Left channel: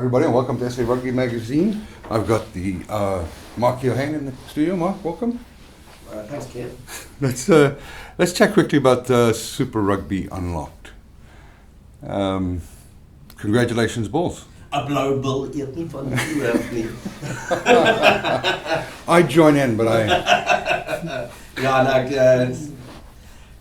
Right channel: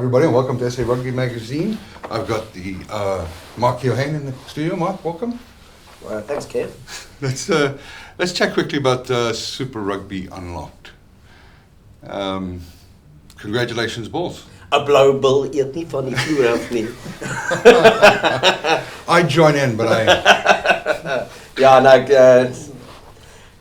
everybody, and welcome to SA Rugby Magazine. I've got the Mark Keohane in the studio. Mark, welcome. Thanks, Ken. Let's chat quickly about Super Rugby Unlocked. Congratulations, Bulls. A blauwe bil eet nie van die vloerhof nie. I join in, but I...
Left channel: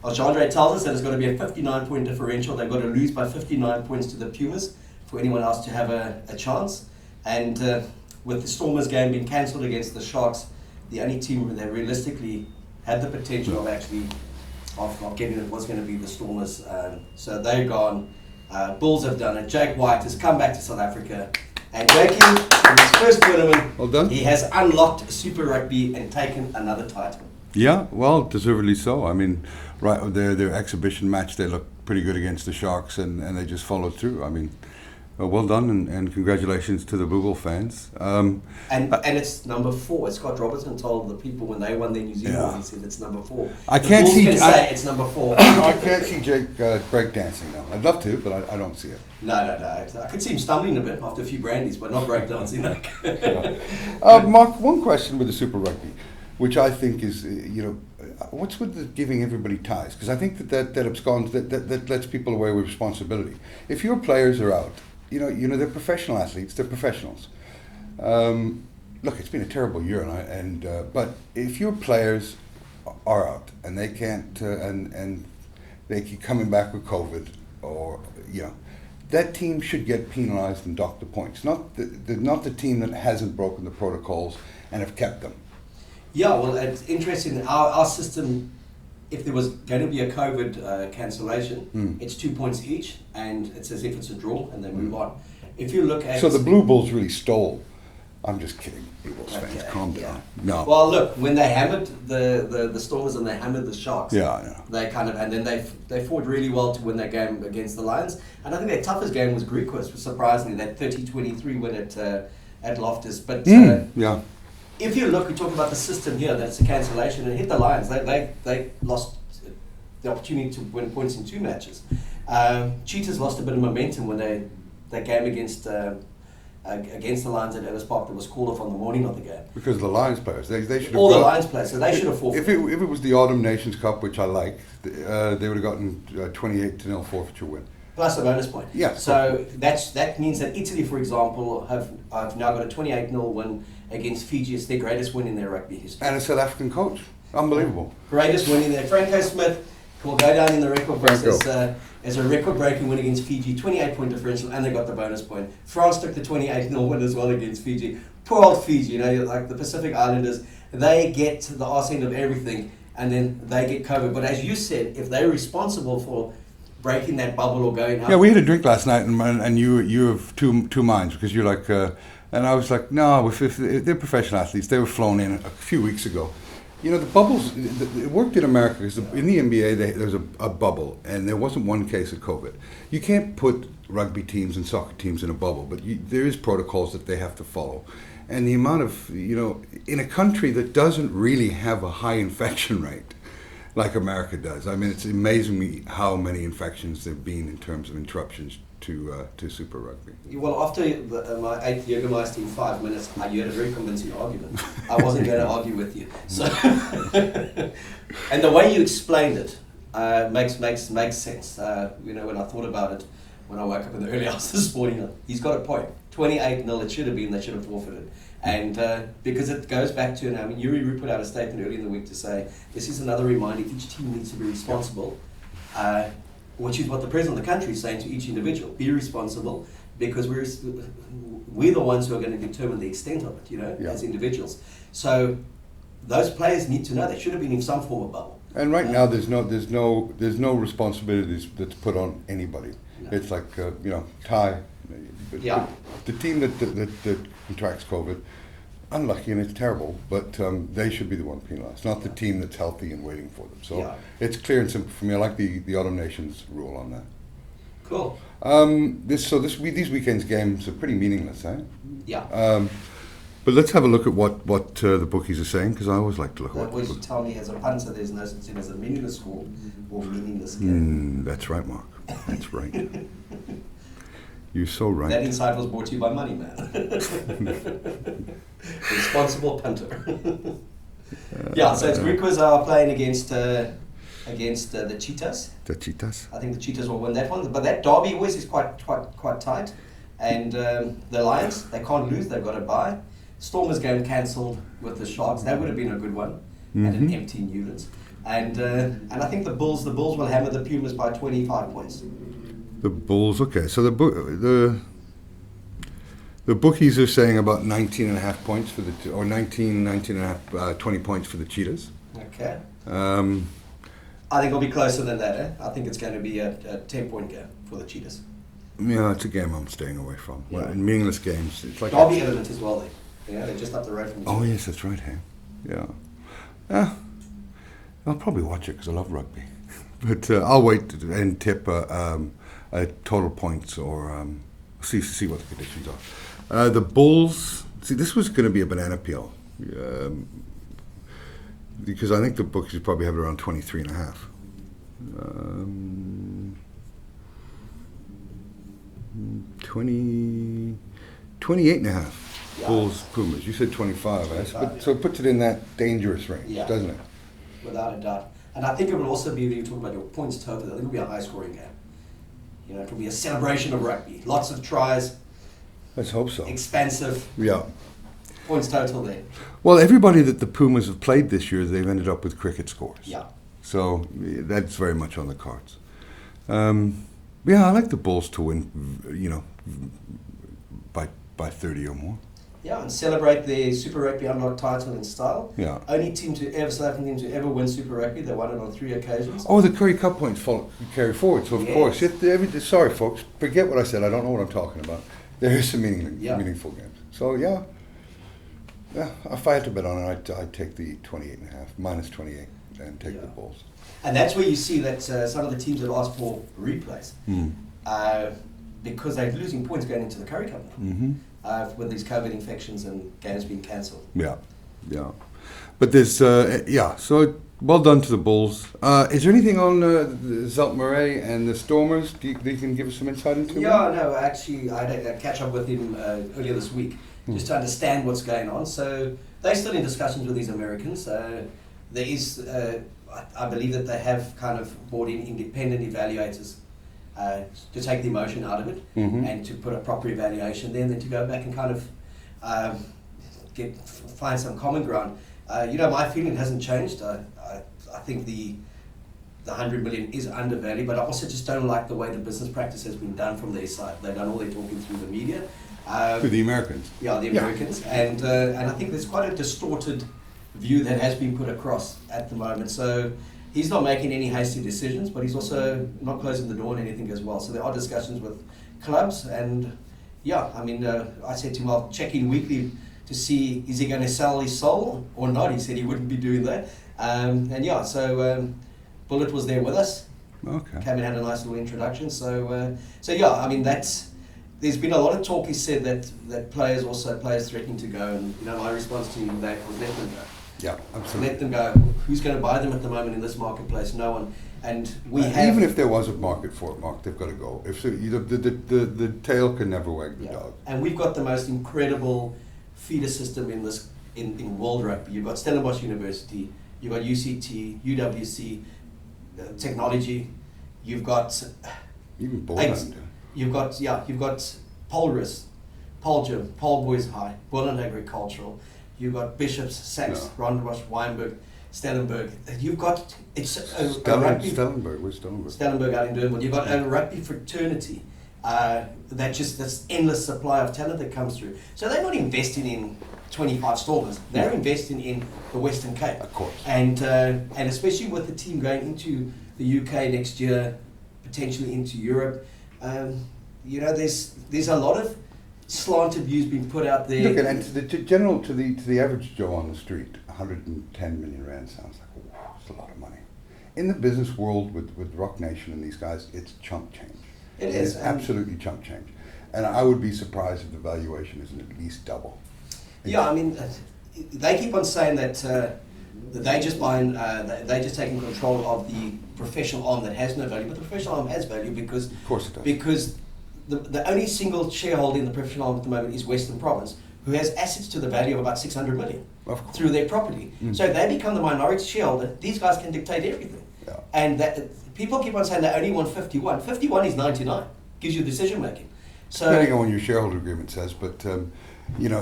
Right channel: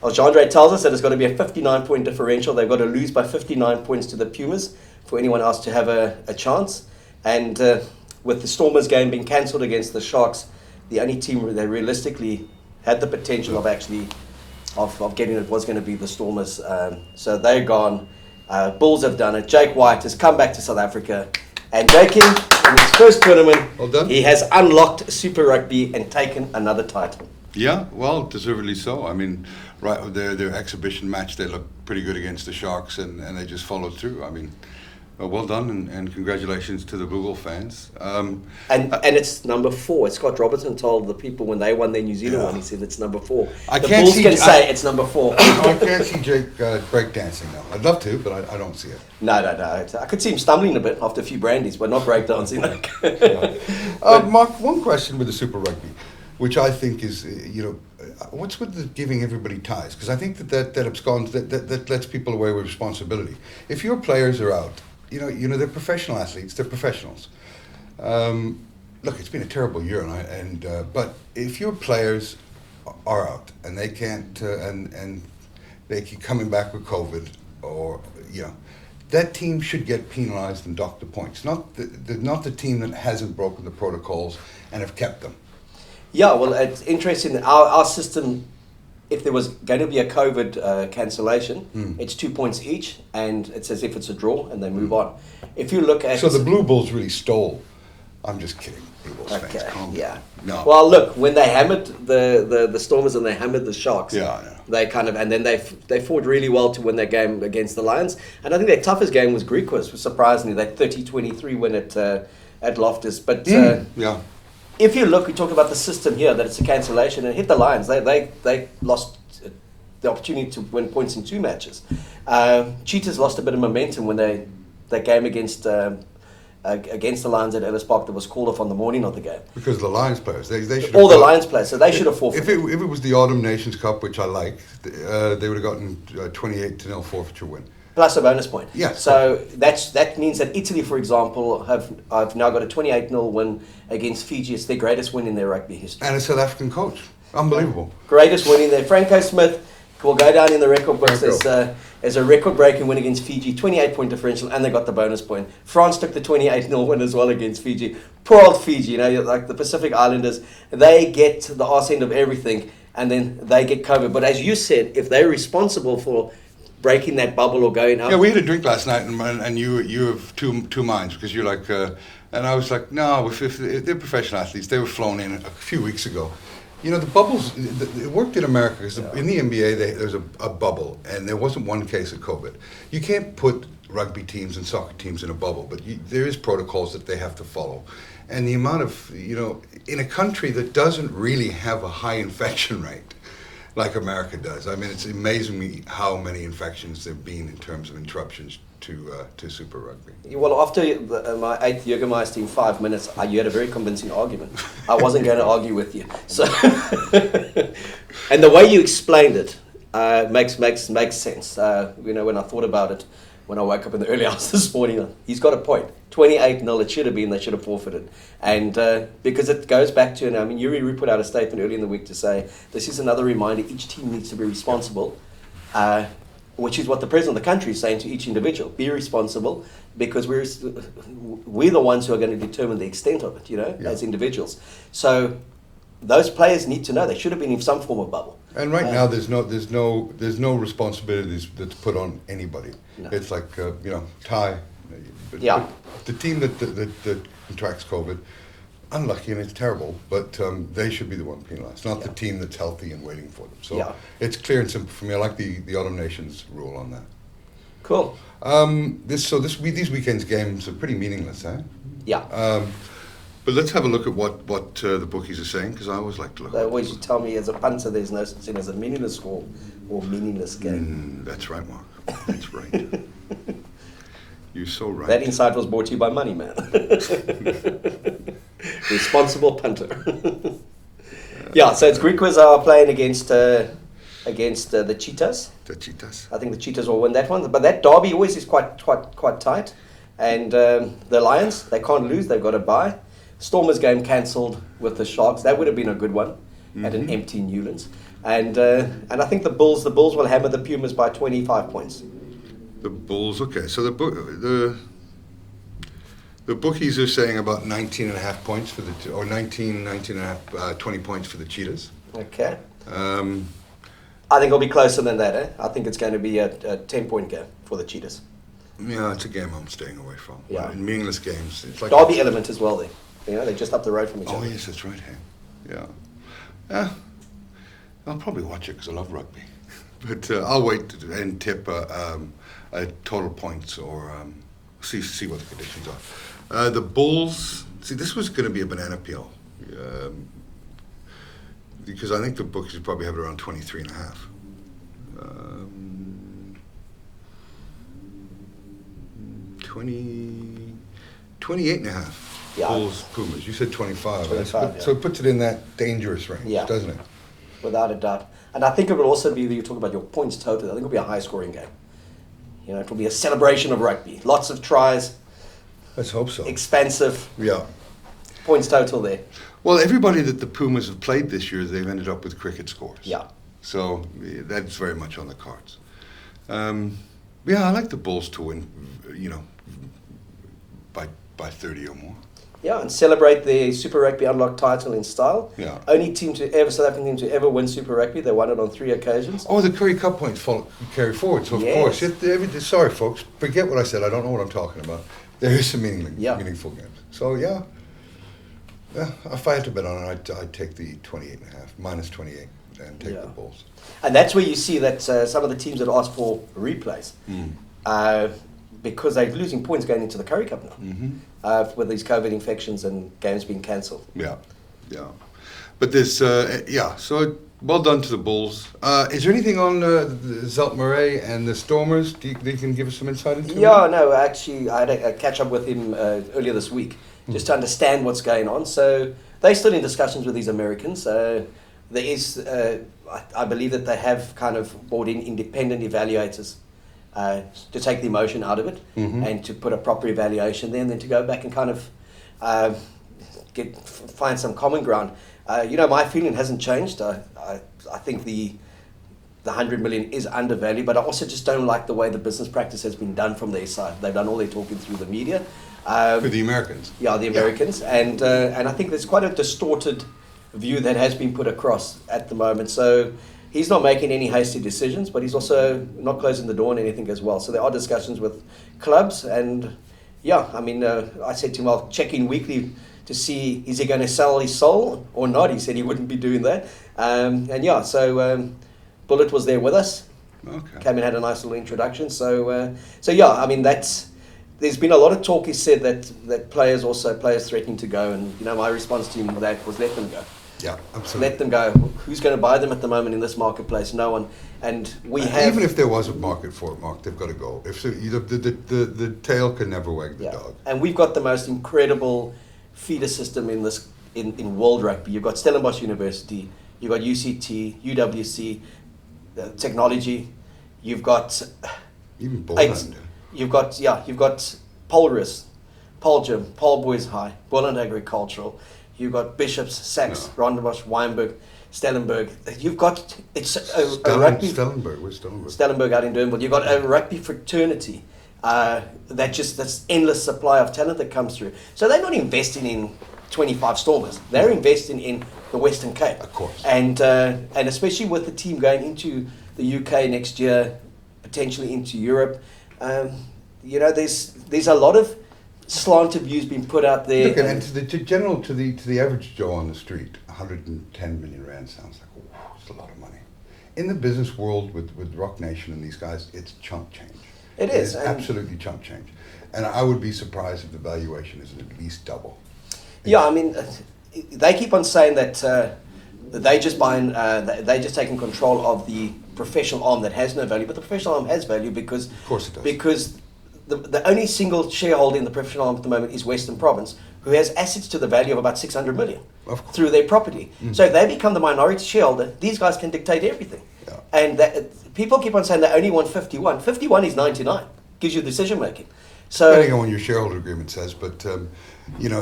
Well, Jean-Andre tells us that it's got to be a 59-point differential. They've got to lose by 59 points to the Pumas for anyone else to have a chance. And with the Stormers game being cancelled against the Sharks, the only team that realistically had the potential of actually of getting it was going to be the Stormers. So they're gone. Bulls have done it. Jake White has come back to South Africa. And Jake, in his first tournament, well done. He has unlocked Super Rugby and taken another title. Yeah, well, deservedly so. I mean, right, their exhibition match, they looked pretty good against the Sharks, and they just followed through. I mean, well done, and congratulations to the Boogle fans. And it's number 4. Scott Robertson told the people when they won their New Zealand one, he said it's number 4. The Bulls can say it's number 4. I can't see Jake breakdancing now. I'd love to, but I don't see it. No. I could see him stumbling a bit after a few brandies, but not breakdancing. Mark, one question with the Super Rugby, which I think is, what's with the giving everybody ties? Because I think that absconds, that lets people away with responsibility. If your players are out, they're professional athletes, they're professionals. Look, it's been a terrible year, but if your players are out and they can't, and they keep coming back with COVID, or that team should get penalised and dock the points. Not the team that hasn't broken the protocols and have kept them. Yeah, well, it's interesting. Our system, if there was going to be a COVID cancellation, it's 2 points each, and it's as if it's a draw, and they move on. If you look at... So the Blue Bulls really stole. I'm just kidding. Blue Bulls fans, calm down. No. Well, look, when they hammered the Stormers and they hammered the Sharks, they kind of, and then they fought really well to win that game against the Lions. And I think their toughest game was Griquas, surprisingly, that 30-23 win at Loftus. But if you look, we talk about the system here, that it's a cancellation, and hit the Lions. They lost the opportunity to win points in 2 matches. Cheetahs lost a bit of momentum when that game against the Lions at Ellis Park that was called off on the morning of the game. Because of the Lions players. They should all the Lions players, so they should have forfeited. If it was the Autumn Nations Cup, which I like, they would have gotten 28-0 forfeiture win. Plus a bonus point. Yeah. So that means that Italy, for example, have now got a 28-0 win against Fiji. It's their greatest win in their rugby history. And a South African coach. Unbelievable. Greatest win in there. Franco Smith will go down in the record books as a record-breaking win against Fiji, 28-point differential, and they got the bonus point. France took the 28-0 win as well against Fiji. Poor old Fiji, like the Pacific Islanders, they get the arse end of everything, and then they get COVID. But as you said, if they're responsible for breaking that bubble or going up... Yeah, we had a drink last night, and you have two minds, because you're like... and I was like, no, if they're professional athletes, they were flown in a few weeks ago. The bubbles, it worked in America, because in the NBA, there's a bubble, and there wasn't one case of COVID. You can't put rugby teams and soccer teams in a bubble, but there is protocols that they have to follow. And the amount of, in a country that doesn't really have a high infection rate, like America does. I mean, it's amazing me how many infections there have been in terms of interruptions to Super Rugby. Well, after my 8th Jägermeister in 5 minutes, you had a very convincing argument. I wasn't going to argue with you. So, and the way you explained it makes sense. When I thought about it, when I woke up in the early hours this morning, he's got a point. 28-0, it should have been, they should have forfeited. And because it goes back to, Yuri put out a statement early in the week to say, this is another reminder, each team needs to be responsible, which is what the president of the country is saying to each individual. Be responsible, because we're the ones who are going to determine the extent of it, as individuals. So those players need to know they should have been in some form of bubble. And right now, there's no responsibilities that's put on anybody. No. It's like tie. Yeah. The team that contracts COVID, unlucky, and it's terrible, but they should be the one penalised, not the team that's healthy and waiting for them. So it's clear and simple for me. I like the Autumn Nations rule on that. Cool. These weekend's games are pretty meaningless, eh? Yeah. But let's have a look at what the bookies are saying, because I always like to look at what the bookies tell me as a punter there's no such thing as a meaningless score or meaningless game. That's right, Mark. That's right. You're so right. That insight was brought to you by Money Man. Responsible punter. Yeah, so it's Griquas are playing against the Cheetahs. The Cheetahs. I think the Cheetahs will win that one. But that derby always is quite tight. And the Lions, they can't lose. They've got to bye. Stormers game cancelled with the Sharks. That would have been a good one at an empty Newlands. And I think the Bulls will hammer the Pumas by 25 points. The Bulls, okay. So the bookies are saying about 19.5 points for the, or 19.5, 20 points for the Cheetahs. Okay. I think it'll be closer than that. I think it's going to be a 10-point game for the Cheetahs. Yeah, it's a game I'm staying away from. Yeah. In meaningless games, it's like derby element as well. There, they're just up the road from each other. Oh yes, that's right. Hey, yeah. Yeah. I'll probably watch it because I love rugby, but I'll wait and tip total points or see what the conditions are. The Bulls. See, this was going to be a banana peel because I think the bookies probably have it around 23.5. 28.5. Yeah. Bulls, Pumas. You said 25. 25, So it puts it in that dangerous range, doesn't it? Without a doubt. And I think it will also be, you talk about your points total, I think it'll be a high scoring game. It will be a celebration of rugby. Lots of tries. Let's hope so. Expansive. Yeah. Points total there. Well, everybody that the Pumas have played this year, they've ended up with cricket scores. Yeah. So that's very much on the cards. Yeah, I like the Bulls to win, by 30 or more. Yeah, and celebrate the Super Rugby Unlocked title in style. Yeah. Only South African team to ever win Super Rugby. They won it on 3 occasions. Oh, the Currie Cup points carry forward. So, of course, sorry, folks, forget what I said. I don't know what I'm talking about. There is some meaningful games. So, yeah, if I had to bet on it, I'd take the 28.5, minus 28, and take the Bulls. And that's where you see that some of the teams that ask for replays, because they're losing points going into the Currie Cup now, with these COVID infections and games being cancelled. Yeah. But there's, so well done to the Bulls. Is there anything on Zelt Murray and the Stormers? Do you can give us some insight into it? Yeah, no, actually, I had a catch up with him earlier this week, just to understand what's going on. So they're still in discussions with these Americans. There is, I believe that they have kind of brought in independent evaluators to take the emotion out of it and to put a proper evaluation there, and then to go back and kind of find some common ground. My feeling hasn't changed. I think the 100 million is undervalued, but I also just don't like the way the business practice has been done from their side. They've done all their talking through the media. For the Americans. Yeah, the Americans. And I think there's quite a distorted view that has been put across at the moment. So he's not making any hasty decisions, but he's also not closing the door on anything as well. So there are discussions with clubs, and I said to him, I'll check in weekly to see, is he going to sell his soul or not? He said he wouldn't be doing that. So Bullet was there with us. Okay. Came and had a nice little introduction. There's been a lot of talk, he said, that players threatening to go, and my response to him that was let them go. Yeah, absolutely. Let them go. Who's going to buy them at the moment in this marketplace? No one. And even if there was a market for it, Mark, they've got to go. If so, the tail can never wag the dog. And we've got the most incredible feeder system in world rugby. You've got Stellenbosch University, you've got UCT, UWC, technology. You've got even Boland. You've got Polris, Poljim, Paul Boys High, Boland Agricultural. You've got Bishops, Sachs, Rondebosch, Weinberg, Stellenberg. You've got a rugby. Stellenberg, where's Stellenberg? Stellenberg out in Durnville. You've got a rugby fraternity. That's endless supply of talent that comes through. So they're not investing in 25 Stormers. They're investing in the Western Cape. Of course. And especially with the team going into the UK next year, potentially into Europe, there's a lot of slanted views being put out there. Look, and to the average Joe on the street, 110 million rand sounds like it's a lot of money. In the business world with Rock Nation and these guys, it's chump change. It is absolutely chump change, and I would be surprised if the valuation isn't at least double. Yeah, they keep on saying that they're just taking control of the professional arm that has no value, but the professional arm has value because of course it does. Because the only single shareholder in the professional arm at the moment is Western Province, who has assets to the value of about 600 million through their property. So if they become the minority shareholder, these guys can dictate everything. Yeah. And people keep on saying they only want 51. 51 is 99, gives you decision making. So Depending on what your shareholder agreement says, but it's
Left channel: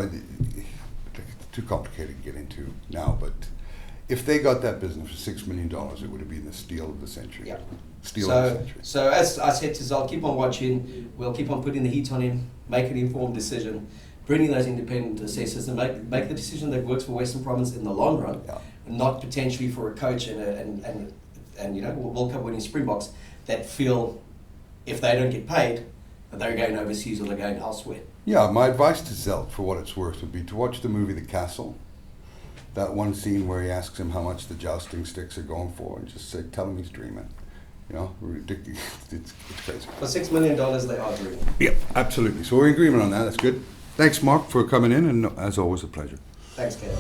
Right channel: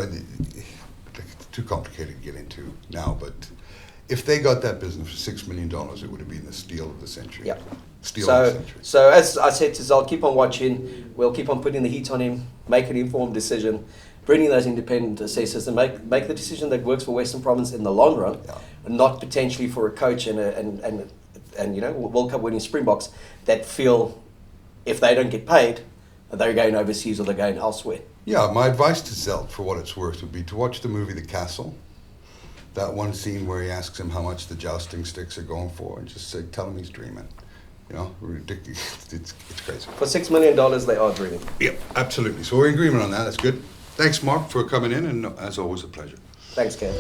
too complicated to get into now. But if they got that business for $6 million, it would have been the steal of the century. Yeah. Steal of the century. So as I said to Zal, keep on watching. We'll keep on putting the heat on him, make an informed decision, bringing those independent assessors, and make the decision that works for Western Province in the long run, not potentially for a coach and World Cup winning Springboks that feel if they don't get paid, they're going overseas or they're going elsewhere. Yeah, my advice to Zelt, for what it's worth, would be to watch the movie The Castle. That one scene where he asks him how much the jousting sticks are going for, and just say, tell him he's dreaming. Ridiculous. It's crazy. For $6 million, they are dreaming. Yep, absolutely. So we're in agreement on that. That's good. Thanks, Mark, for coming in, and as always, a pleasure. Thanks, Ken.